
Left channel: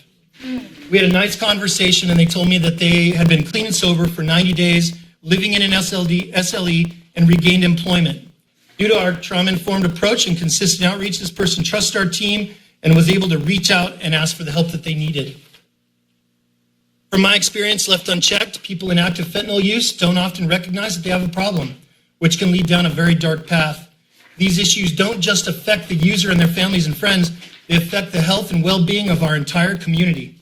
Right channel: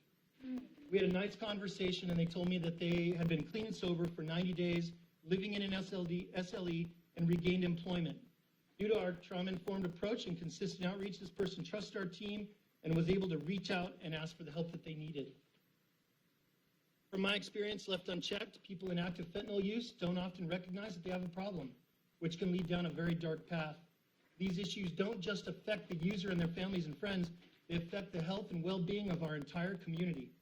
We had a nice conversation, and they told me that they had been clean and sober for 90 days, living in an SLE, and regained employment. Due to our trauma-informed approach and consistent outreach, this person trusted our team and was able to reach out and ask for the help that they needed. From my experience, left unchecked, people in active fentanyl use don't often recognize that they have a problem, which can lead down a very dark path. These issues don't just affect the user and their families and friends, they affect the health and well-being of our entire community.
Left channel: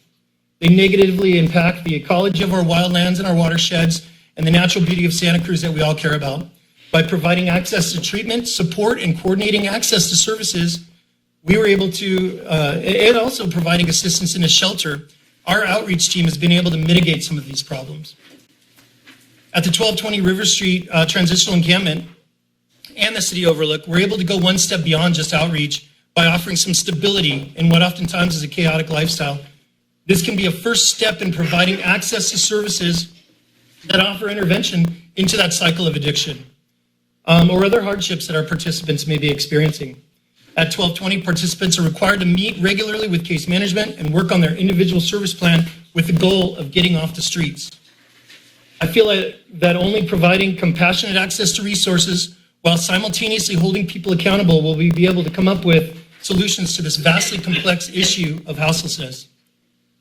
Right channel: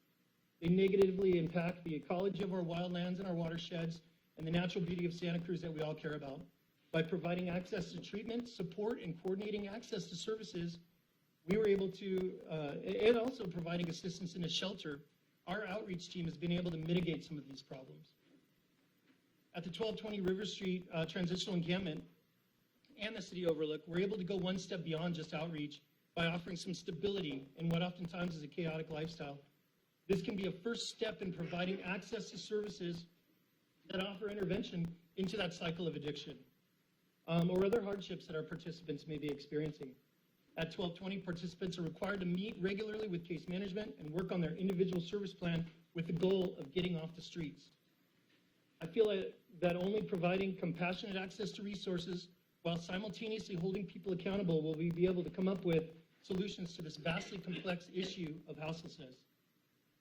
They negatively impact the ecology of our wildlands and our watersheds and the natural beauty of Santa Cruz that we all care about. By providing access to treatment, support, and coordinating access to services, we were able to, and also providing assistance in a shelter, our outreach team has been able to mitigate some of these problems. At the 1220 River Street Transitional Encampment and the City Overlook, we're able to go one step beyond just outreach by offering some stability in what oftentimes is a chaotic lifestyle. This can be a first step in providing access to services that offer intervention into that cycle of addiction or other hardships that our participants may be experiencing. At 1220, participants are required to meet regularly with case management and work on their individual service plan with the goal of getting off the streets. I feel that only providing compassionate access to resources while simultaneously holding people accountable will we be able to come up with solutions to this vastly complex issue of houselessness.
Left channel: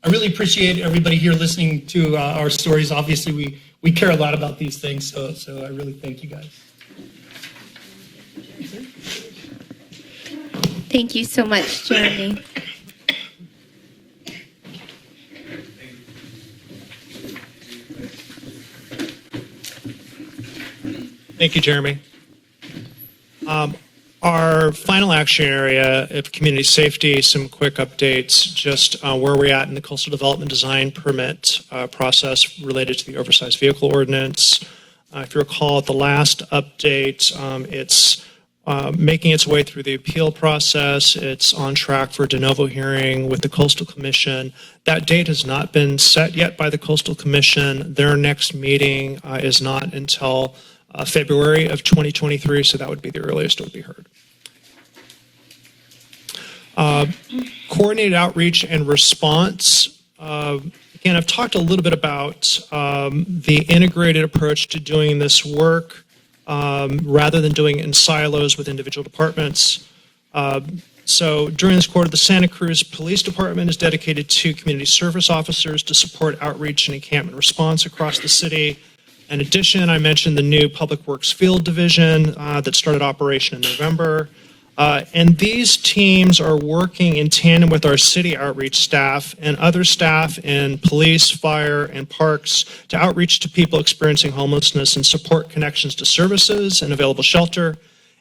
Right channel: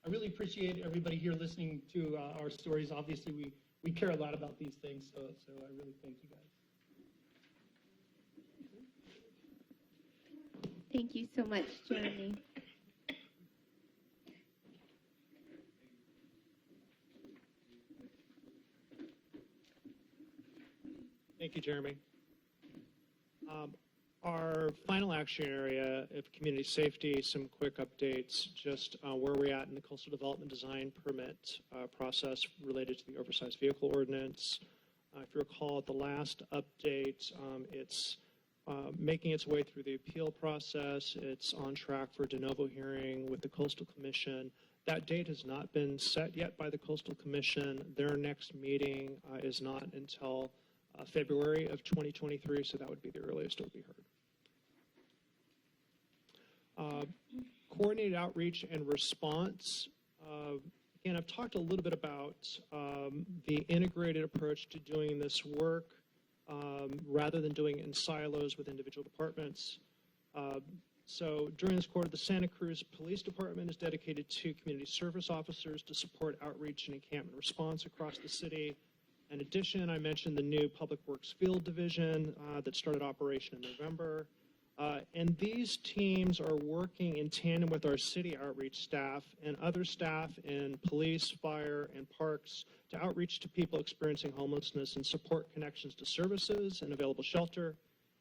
I really appreciate everybody here listening to our stories. Obviously, we care a lot about these things, so I really thank you guys. Thank you so much, Jeremy. Thank you, Jeremy. Our final action area of community safety, some quick updates, just where we're at in the coastal development design permit process related to the oversized vehicle ordinance. If you recall, at the last update, it's making its way through the appeal process. It's on track for a de novo hearing with the Coastal Commission. That date has not been set yet by the Coastal Commission. Their next meeting is not until February of 2023, so that would be the earliest it would be heard. Coordinated outreach and response. Again, I've talked a little bit about the integrated approach to doing this work rather than doing it in silos with individual departments. So during this quarter, the Santa Cruz Police Department is dedicated to community service officers to support outreach and encampment response across the city. In addition, I mentioned the new Public Works Field Division that started operation in November. And these teams are working in tandem with our city outreach staff and other staff in police, fire, and parks to outreach to people experiencing homelessness and support connections to services and available shelter,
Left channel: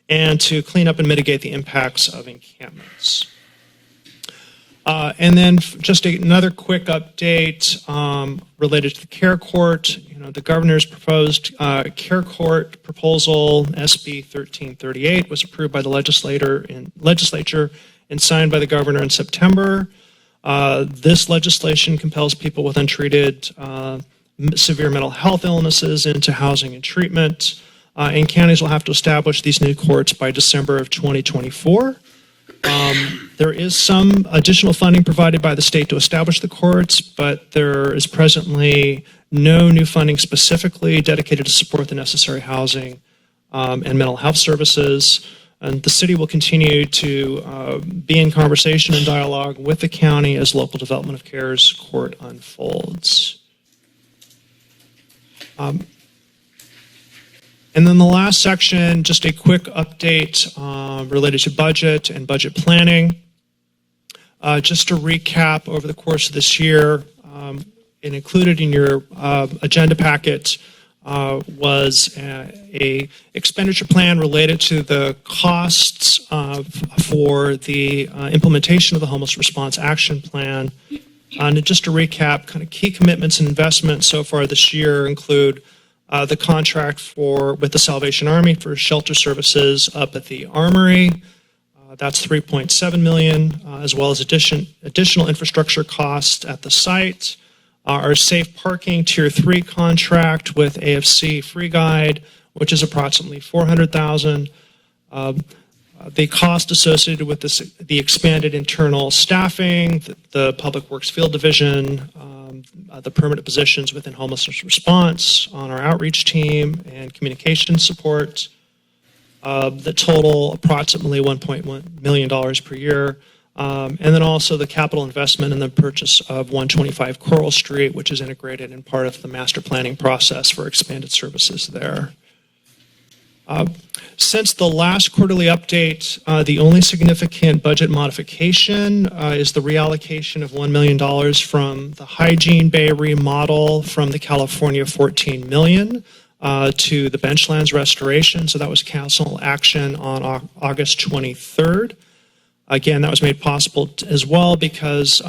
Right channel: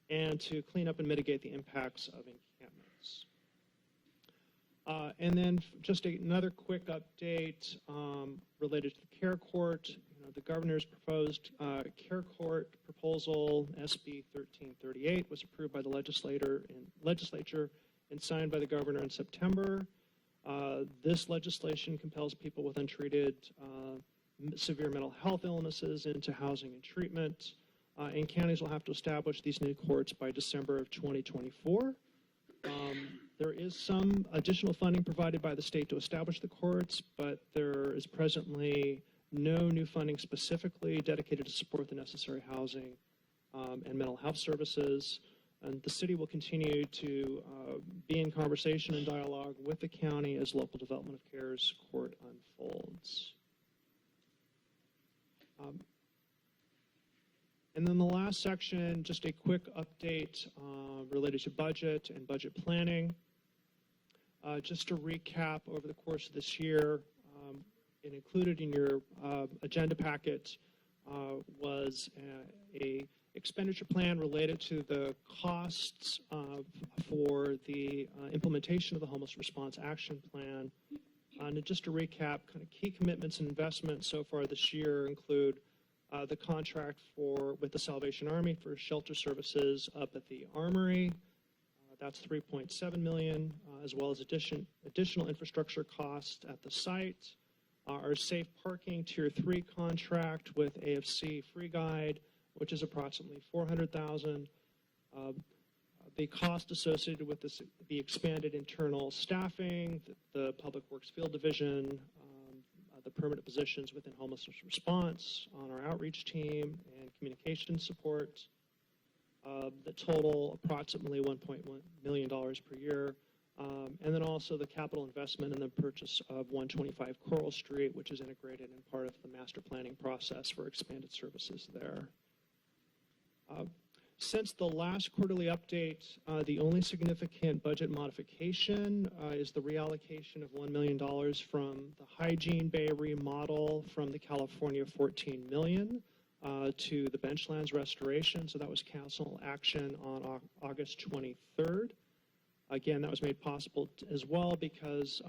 and to clean up and mitigate the impacts of encampments. And then just another quick update related to the Care Court. The governor's proposed Care Court proposal, SB 1338, was approved by the legislature and signed by the governor in September. This legislation compels people with untreated severe mental health illnesses into housing and treatment, and counties will have to establish these new courts by December of 2024. There is some additional funding provided by the state to establish the courts, but there is presently no new funding specifically dedicated to support the necessary housing and mental health services. And the city will continue to be in conversation and dialogue with the county as local development of care's court unfolds. And then the last section, just a quick update related to budget and budget planning. Just to recap, over the course of this year, and included in your agenda packet was a expenditure plan related to the costs for the implementation of the Homeless Response Action Plan. And just to recap, kind of key commitments and investments so far this year include the contract with the Salvation Army for shelter services up at the Armory. That's $3.7 million, as well as additional infrastructure costs at the site. Our safe parking tier 3 contract with AFC Free Guide, which is approximately $400,000. The cost associated with the expanded internal staffing, the Public Works Field Division, the permanent positions within homelessness response on our outreach team and communication support. The total approximately $1.1 million per year. And then also the capital investment in the purchase of 125 Coral Street, which is integrated in part of the master planning process for expanded services there. Since the last quarterly update, the only significant budget modification is the reallocation of $1 million from the Hygiene Bay remodel from the California $14 million to the benchlands restoration. So that was council action on August 23rd. Again, that was made possible as well because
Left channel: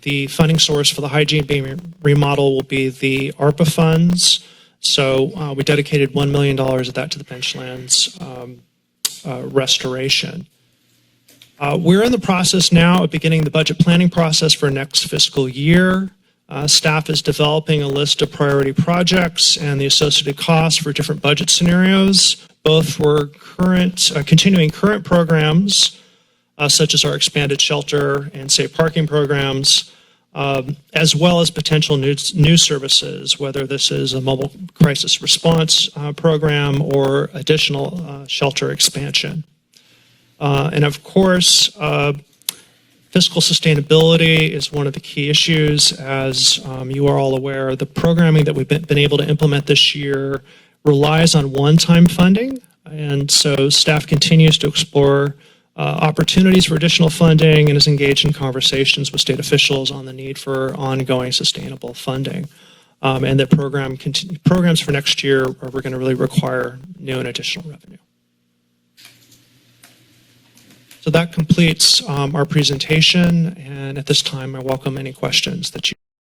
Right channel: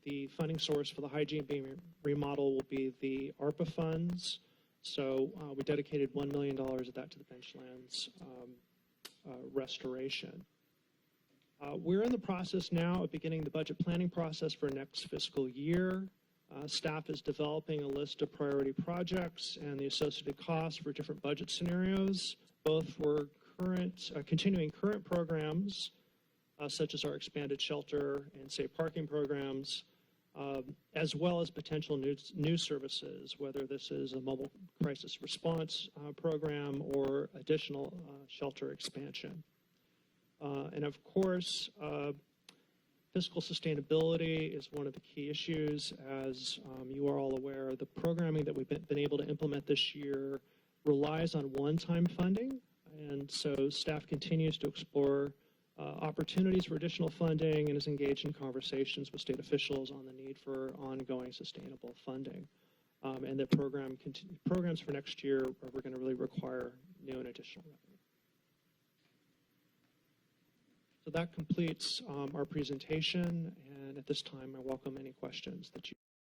the funding source for the Hygiene Bay remodel will be the ARPA funds. So we dedicated $1 million of that to the benchlands restoration. We're in the process now of beginning the budget planning process for next fiscal year. Staff is developing a list of priority projects and the associated costs for different budget scenarios, both for continuing current programs, such as our expanded shelter and safe parking programs, as well as potential new services, whether this is a mobile crisis response program or additional shelter expansion. And of course, fiscal sustainability is one of the key issues. As you are all aware, the programming that we've been able to implement this year relies on one-time funding. And so staff continues to explore opportunities for additional funding and is engaged in conversations with state officials on the need for ongoing sustainable funding. And that programs for next year are going to really require new and additional revenue. So that completes our presentation, and at this time I welcome any questions that you